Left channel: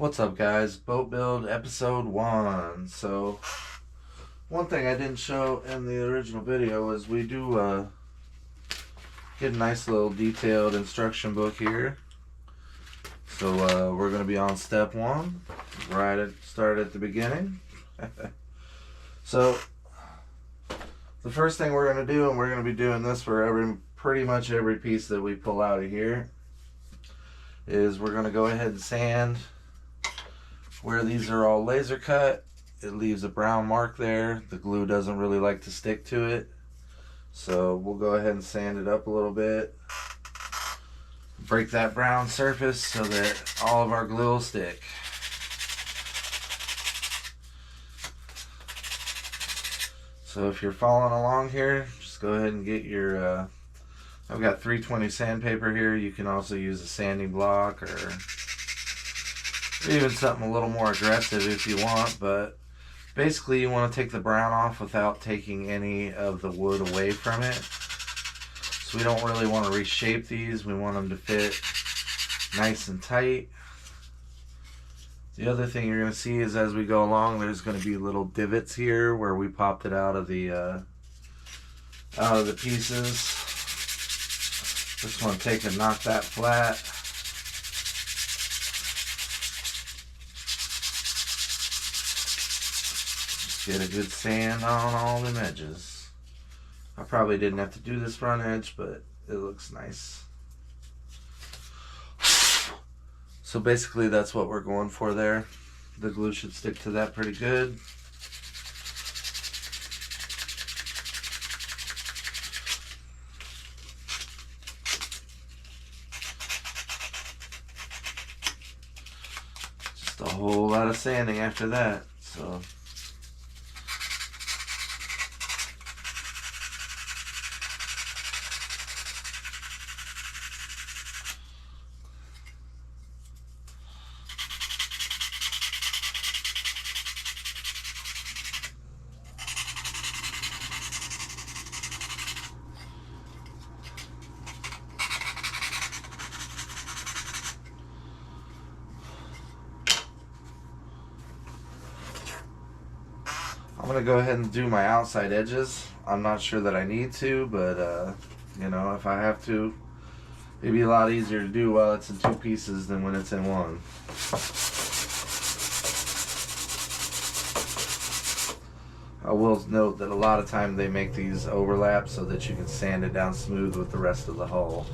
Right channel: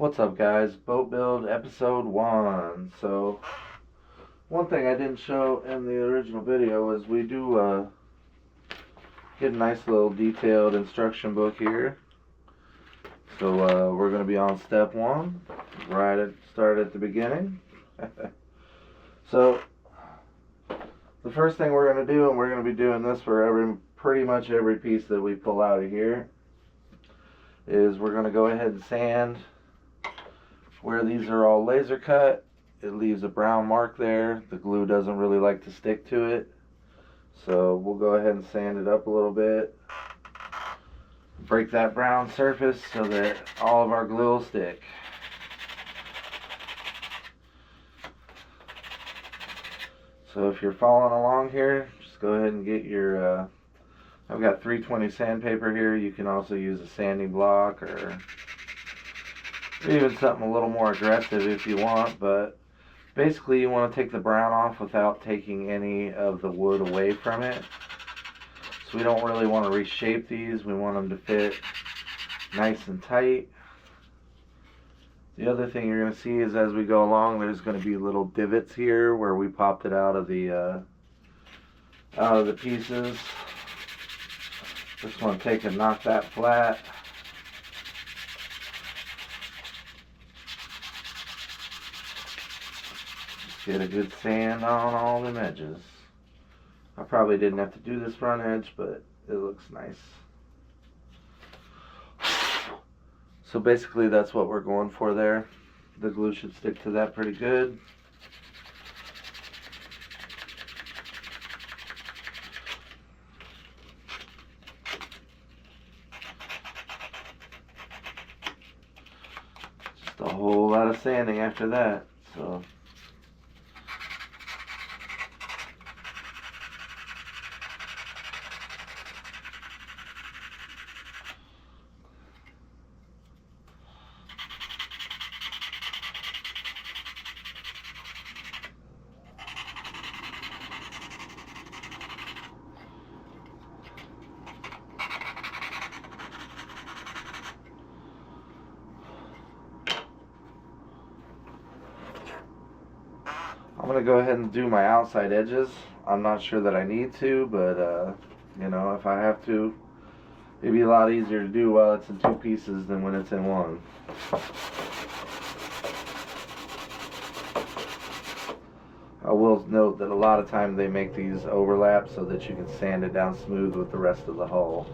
What's up, guys? Boat Build episode 1. So, one thing I didn't show in the original video is we do get a nice little detailed instruction book here. So, we're going to be on step 1, start at the beginning. So, the first thing we're going to do, and we're going to be doing this for pretty much every piece that we pull out of here, is we're going to go ahead and sand where these are all laser cut. It leaves a brown mark there. The glue doesn't really like to stick to it, so we'll go ahead and sand it up a little bit, break that brown surface so that all of our glue will stick. So if you're following along here, just go ahead and get your I've got 320 sandpaper here. You can also use a sanding block or even something a little more aggressive if you want, but basically you want to take the brown off without taking any of the wood away from it. So we don't really want to reshape these. We want them to fit nice and tight. The other thing you're going to see is as we go along, there's going to be little divots here where we popped it out of the pieces. Just want to take and knock that flat. Just get a good sand on all them edges. I probably didn't have to do this front edge, but it looks nice. So basically that's what we're going for there. The glue should stick to that pretty good. Just a whole lot of sanding after that. So I'm going to go ahead and do my outside edges. I'm not sure that I need to, but you know, if I have to, it'd be a lot easier to do while it's in two pieces than when it's in one. I will note that a lot of times they make these overlap so that you can sand it down smooth with the rest of the hull.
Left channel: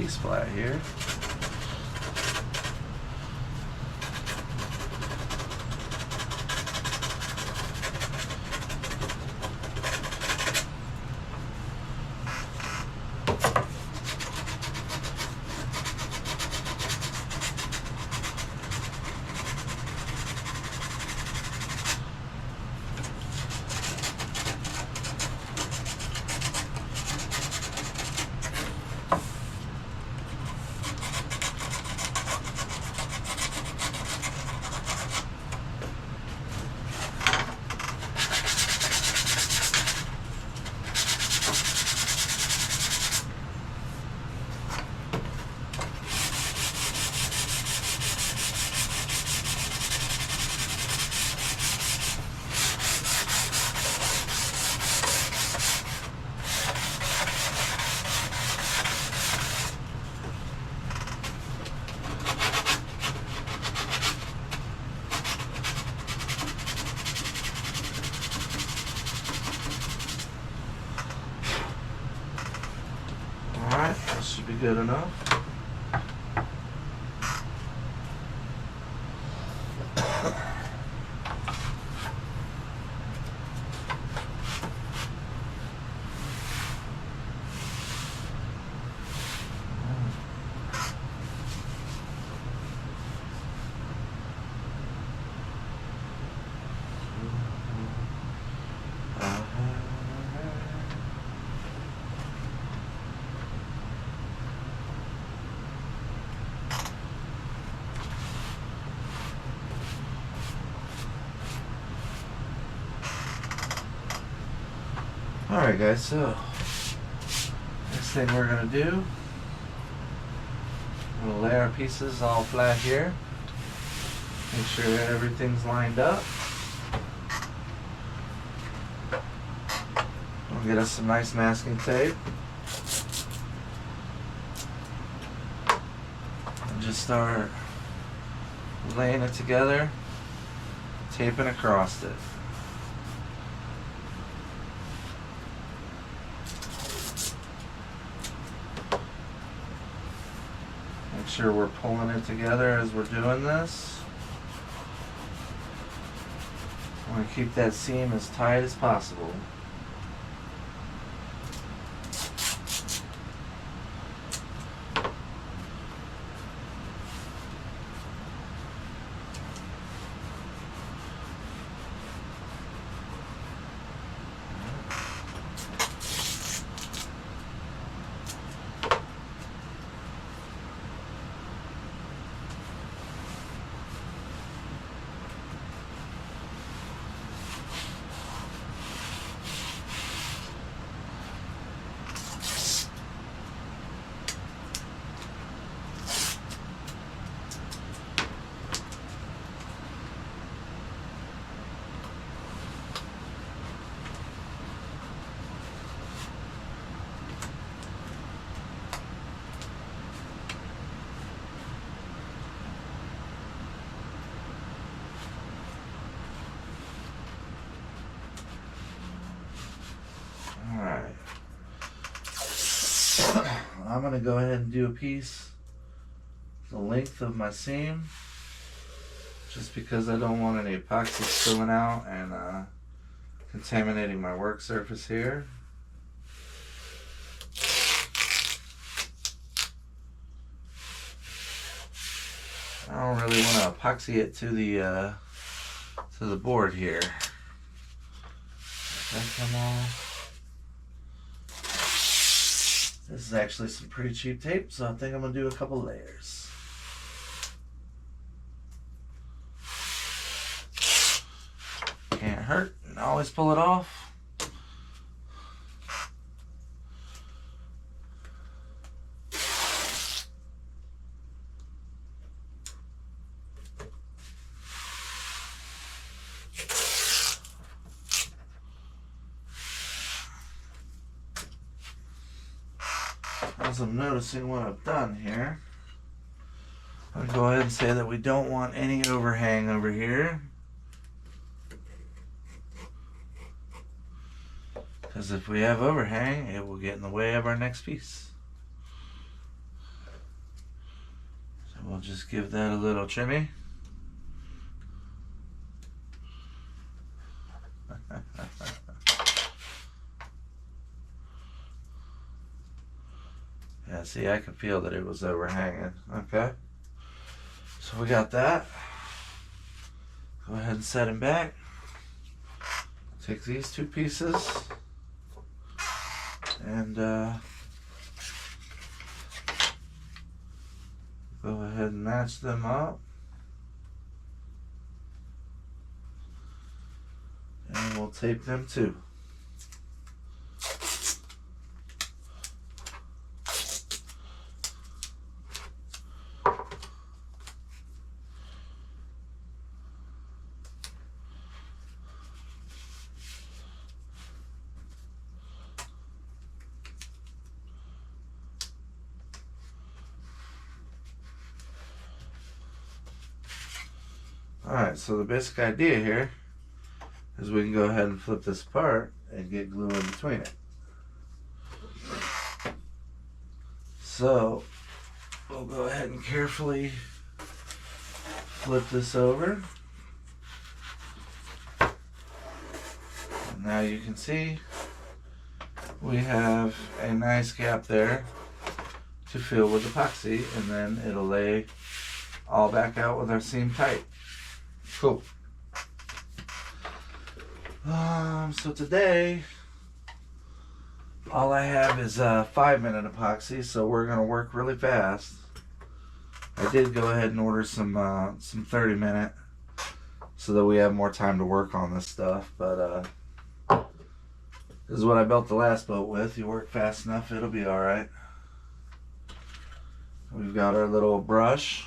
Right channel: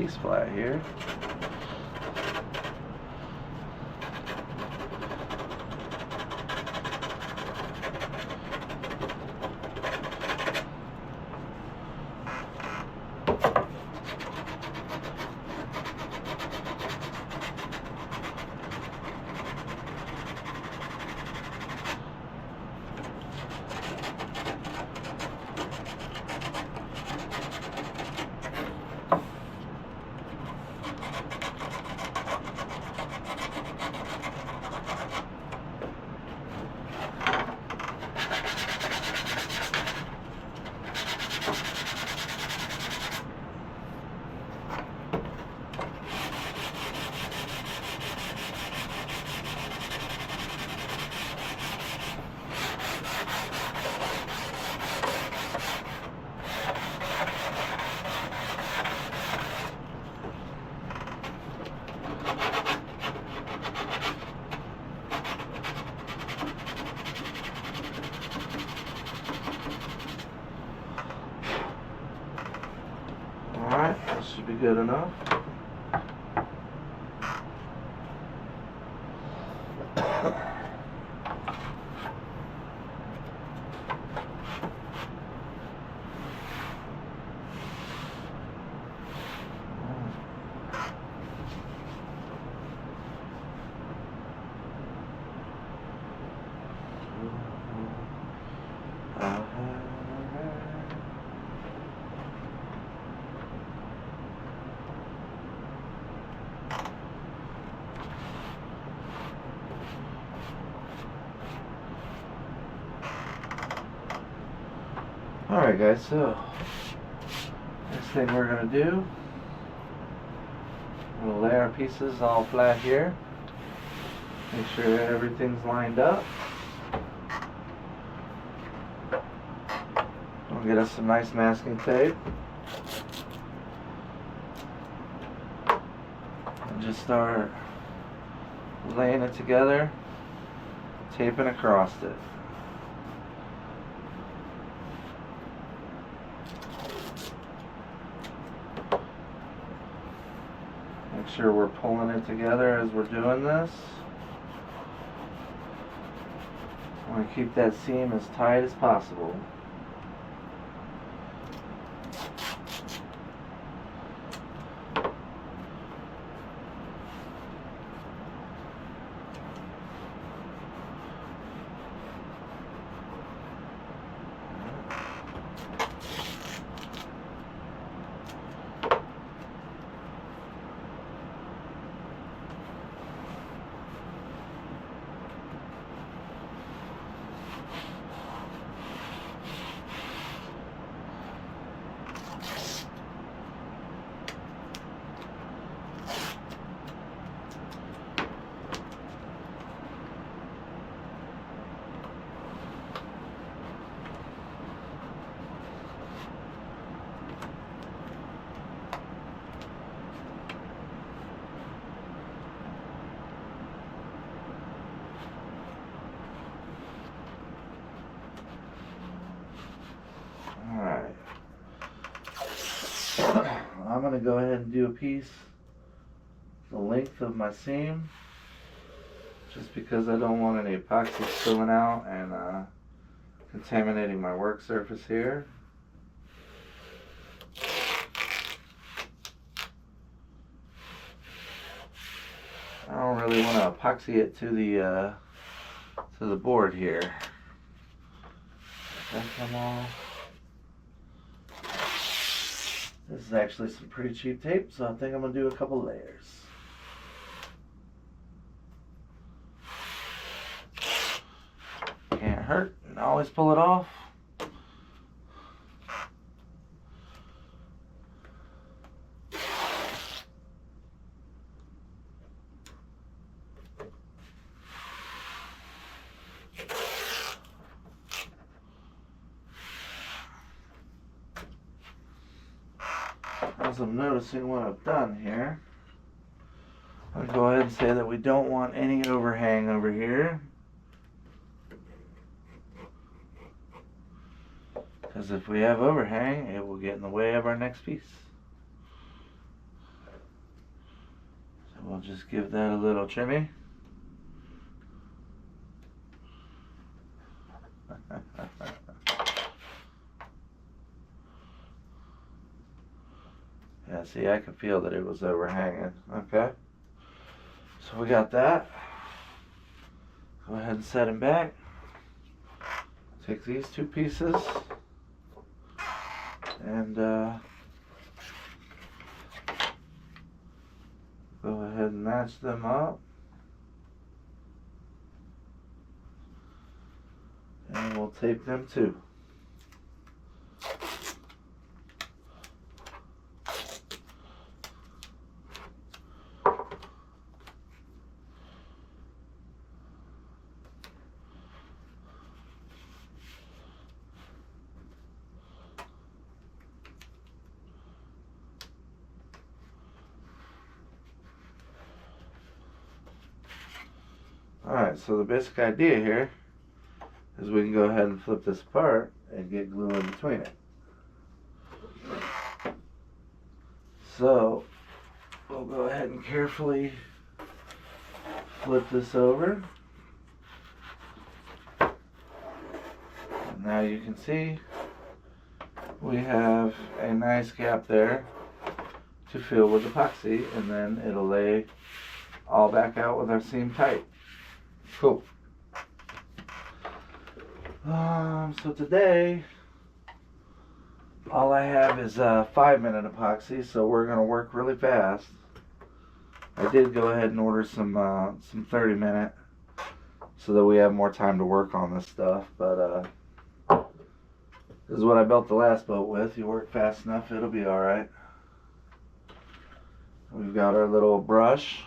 piece flat here. Alright, that should be good enough. Alright guys, so next thing we're going to do, we're going to lay our pieces all flat here. Make sure that everything's lined up. We'll get us some nice masking tape. And just start laying it together, taping across it. Make sure we're pulling it together as we're doing this. I want to keep that seam as tight as possible. Alright. I'm going to go ahead and do a piece the length of my seam, just because I don't want any epoxy spilling out and contaminating my work surface here. I don't really want to epoxy it to the board here. That come off. This is actually some pretty cheap tape, so I think I'm going to do a couple layers. Can't hurt, and always pull it off. As I'm noticing what I've done here, I'll go ahead and say that we don't want any overhang over here, because if we have overhang, it will get in the way of our next piece. we'll just give that a little trimmy. Yeah, see, I could feel that it was overhanging. Okay. So we got that. Go ahead and set him back. Take these two pieces and go ahead and match them up. And we'll tape them too. Alright, so the basic idea here is we can go ahead and flip this apart and get glue in between it. So we'll go ahead and carefully flip this over. And now you can see we have a nice gap there to fill with epoxy, and then it'll lay all back out with our seam tight. Cool. So today, all I have is 5-minute epoxy, so we're gonna work really fast. I did go ahead and order some 30-minute, so that we have more time to work on this stuff. But this is what I built the last boat with. You work fast enough, it'll be all right. We've got our little brush.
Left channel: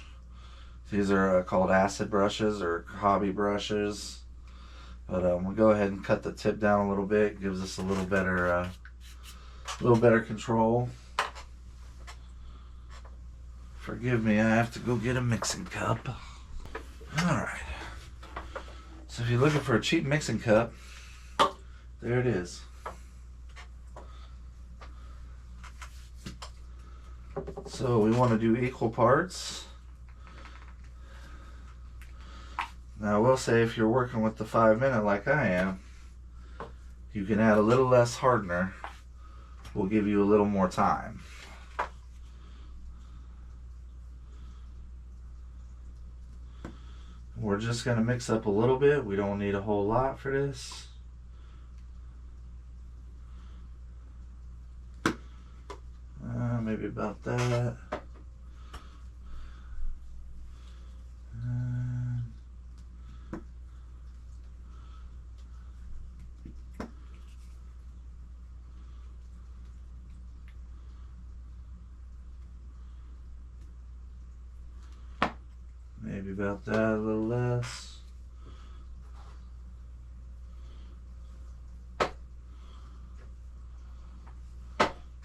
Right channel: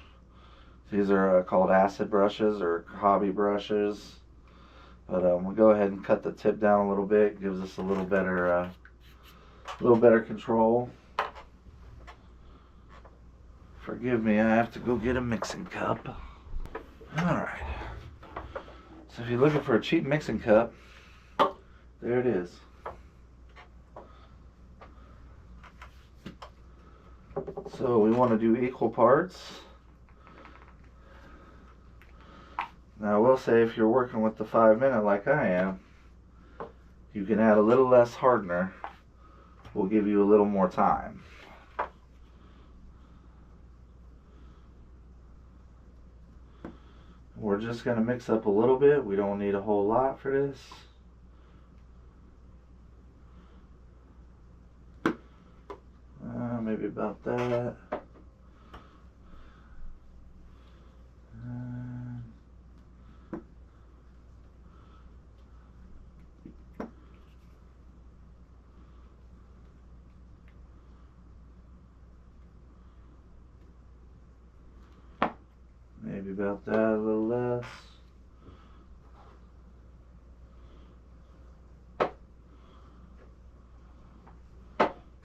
These are called acid brushes or hobby brushes. But we'll go ahead and cut the tip down a little bit. Gives us a little better control. Forgive me, I have to go get a mixing cup. Alright. So if you're looking for a cheap mixing cup, there it is. So we want to do equal parts. Now I will say, if you're working with the 5-minute like I am, you can add a little less hardener. We'll give you a little more time. We're just going to mix up a little bit. We don't need a whole lot for this. Maybe about that. Maybe about that, a little less.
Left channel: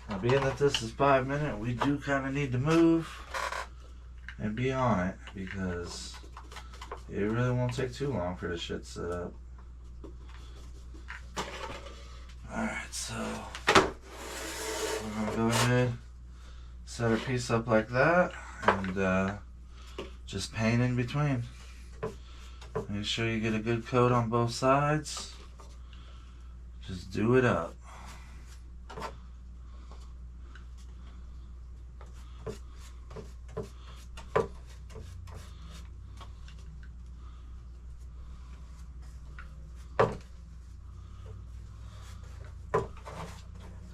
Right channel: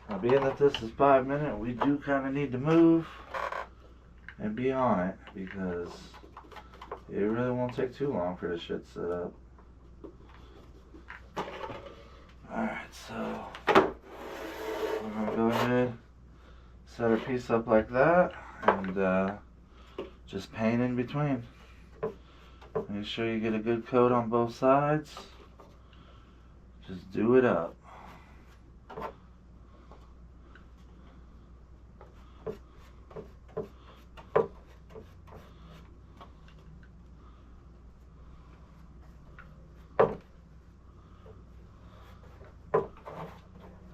Now, being that this is 5-minute, we do kind of need to move and be on it, because it really won't take too long for this shit set up. Alright, so we're going to go ahead, set our piece up like that, and just paint in between. Make sure you get a good coat on both sides. Just do it up.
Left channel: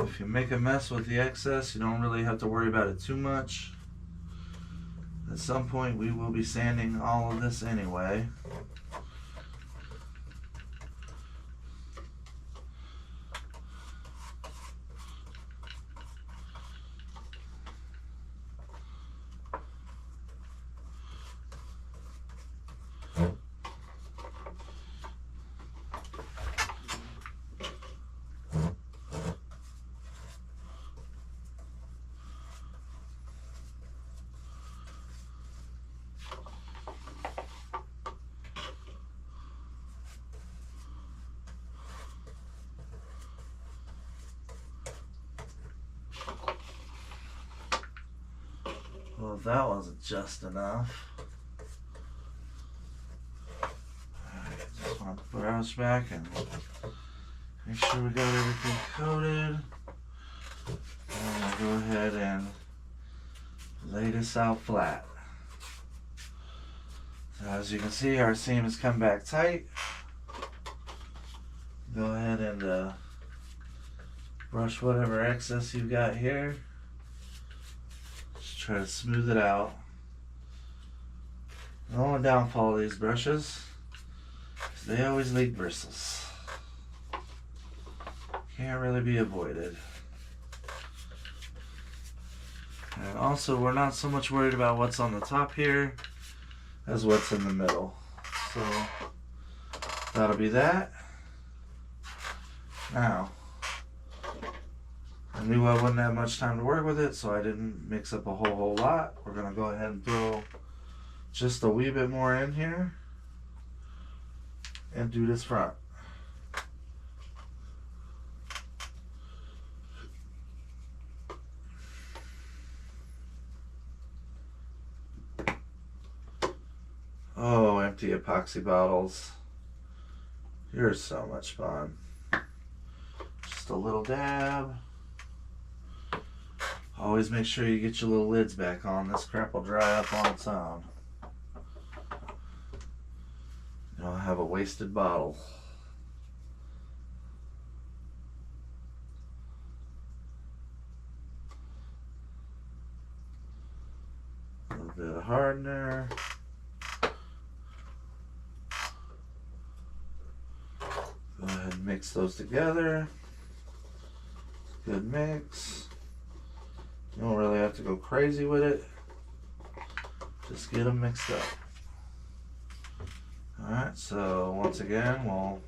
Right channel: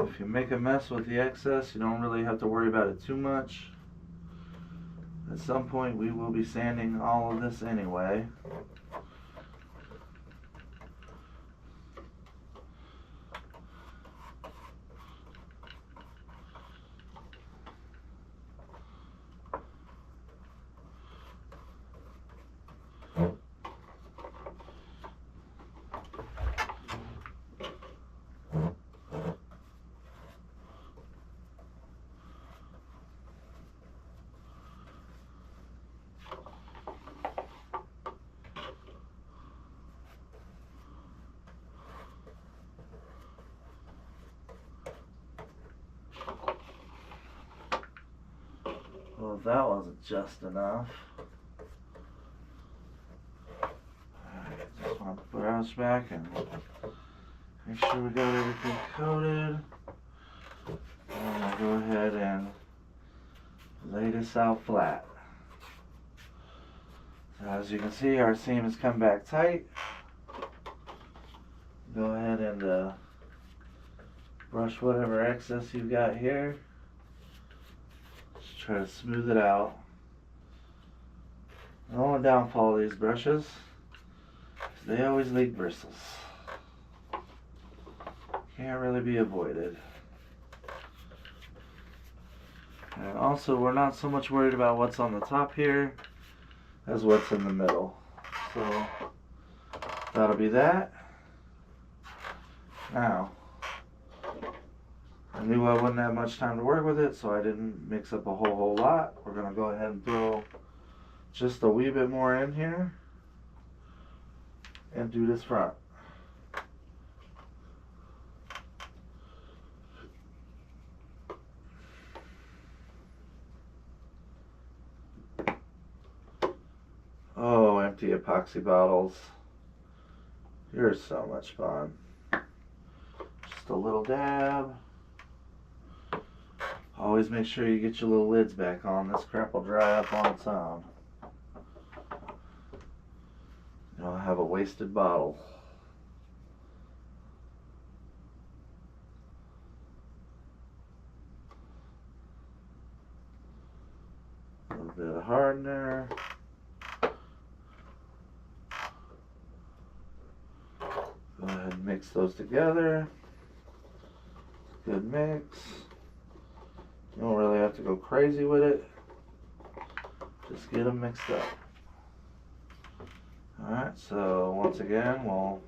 If you make a mess with the excess, you don't really have to worry about it too much. At some point we will be sanding all of this anyway. know if that wasn't just enough. Alright, just want to brush back and make sure we got everything coated. And I'll go ahead and lay this out flat. So as you can see, our seam has come back tight. Go ahead and brush whatever excess you've got here. Just try to smooth it out. The only downfall of these brushes is they always leak bristles. Can't really be avoided. And also, we're not so much worried about what's on the top here as what's in the middle. So that'll be that. Now, I knew I wouldn't have much time to work with it, so I didn't mix up a whole lot. We're gonna go ahead and throw just a wee bit more in here and do this front. Oh, empty epoxy bottles. You're so much fun. Just a little dab. Always make sure you get your little lids back on. This crap will dry up on its own. You don't have a wasted bottle. A little bit of hardener. Go ahead and mix those together. Good mix. You don't really have to go crazy with it. Just get them mixed up. Alright, so once again, we'll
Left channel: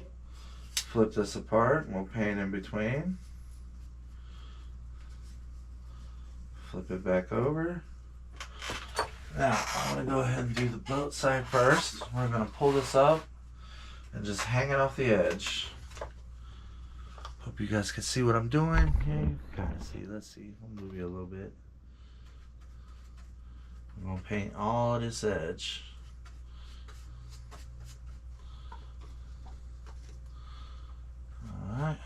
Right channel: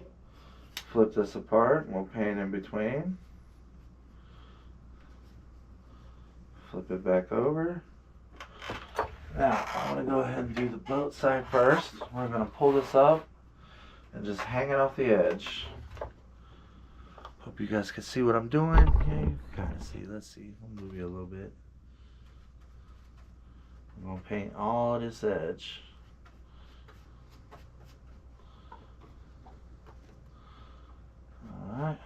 flip this apart and we'll paint in between. Flip it back over. Now, I'm going to go ahead and do the boat side first. We're going to pull this up and just hang it off the edge. Hope you guys can see what I'm doing. Yeah, you can kind of see. Let's see. I'll move you a little bit. I'm going to paint all of this edge. Alright.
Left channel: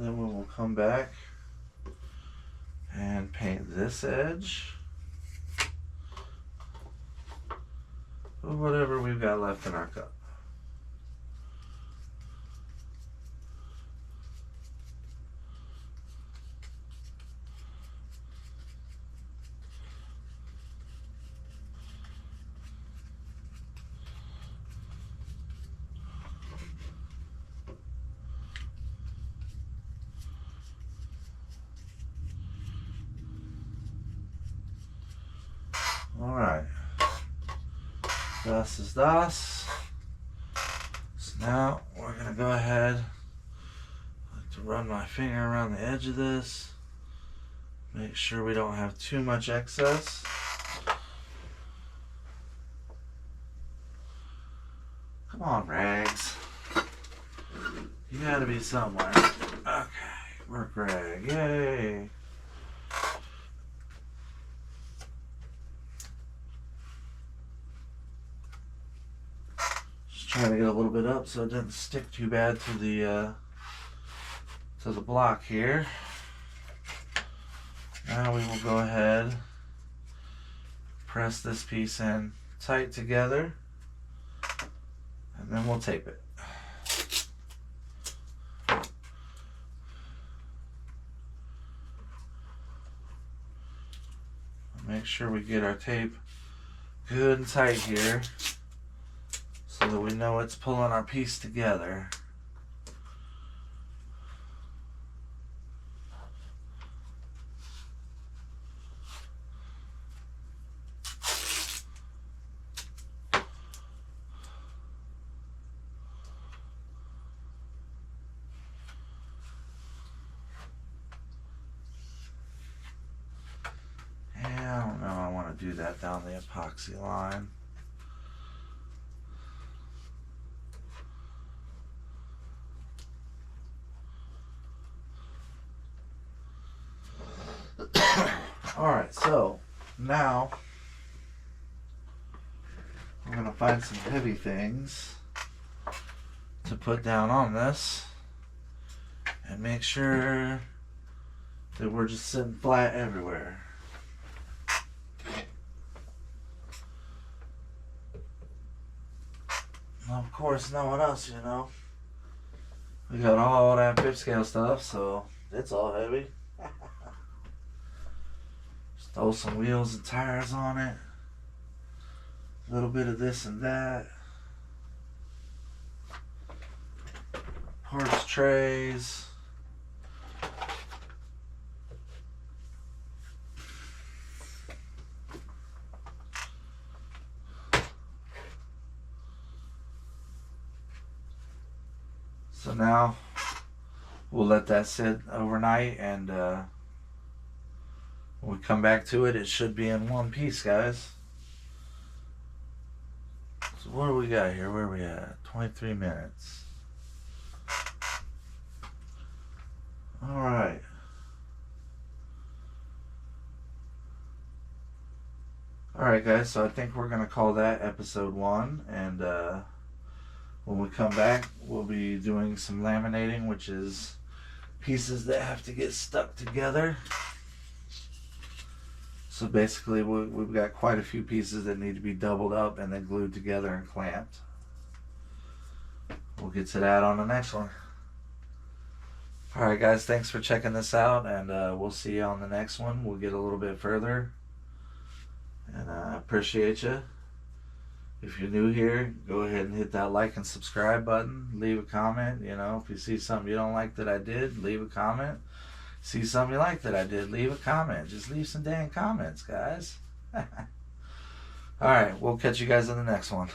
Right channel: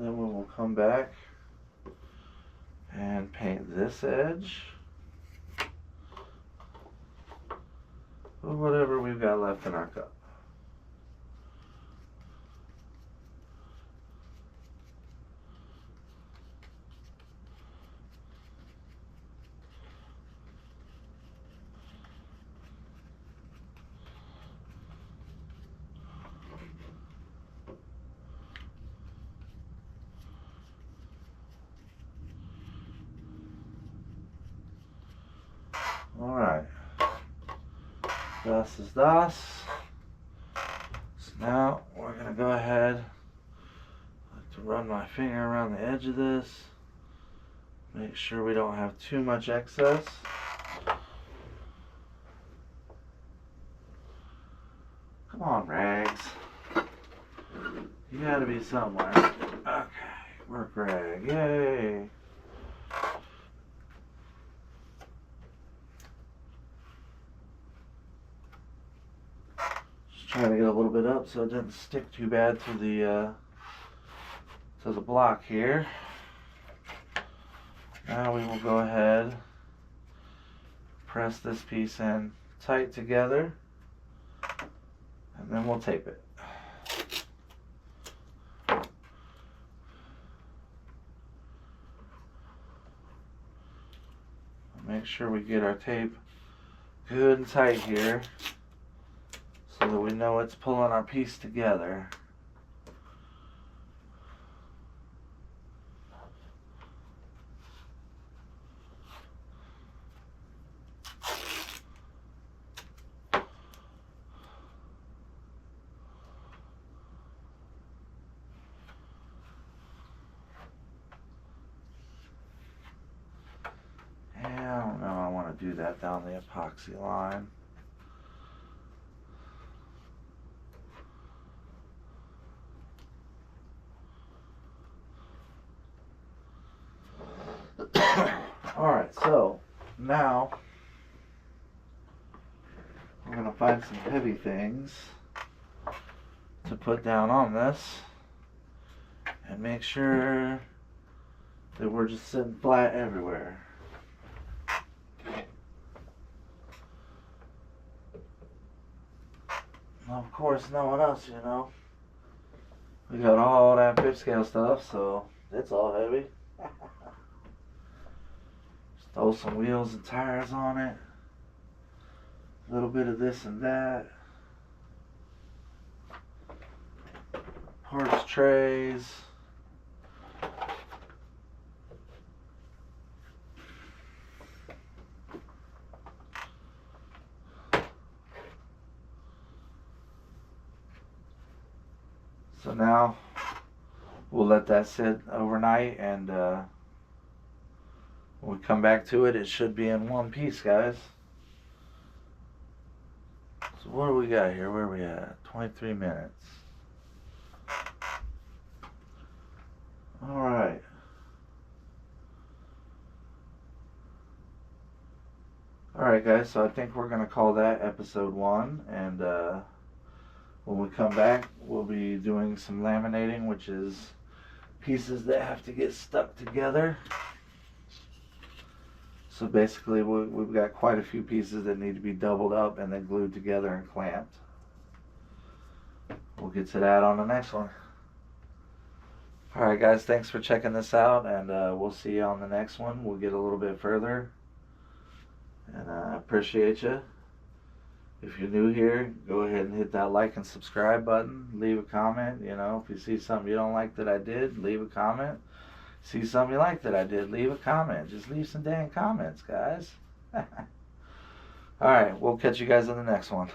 Then we will come back and paint this edge with whatever we've got left in our cup. Alright, das is das. So now we're going to go ahead. I like to run my finger around the edge of this. Make sure we don't have too much excess. Come on, Rags. You gotta be somewhere. Okay, work rag, yay. Trying to get a little bit up so it doesn't stick too bad to the block here. Now we will go ahead, press this piece in tight together, and then we'll tape it. Make sure we get our tape good and tight here so that we know it's pulling our piece together. do that down the epoxy line. Alright, so now we're going to find some heavy things to put down on this and make sure that we're just sitting flat everywhere. Well, of course, knowing us, you know, we got all that fifth scale stuff, so it's all heavy. Just throw some wheels and tires on it. A little bit of this and that. Parts trays. So now we'll let that sit overnight, and when we come back to it, it should be in one piece, guys. So what do we got here? Where are we at? 23 minutes. Alright. Alright guys, so I think we're going to call that episode 1, and when we come back, we'll be doing some laminating, which is pieces that have to get stuck together. So basically, we've got quite a few pieces that need to be doubled up and then glued together and clamped. We'll get to that on the next one. Alright guys, thanks for checking this out, and we'll see you on the next one. We'll get a little bit further, and I appreciate you. If you're new here, go ahead and hit that like and subscribe button. Leave a comment. You know, if you see something you don't like that I did, leave a comment. See something you like that I did, leave a comment. Just leave some dang comments, guys. Alright, we'll catch you guys in the next one.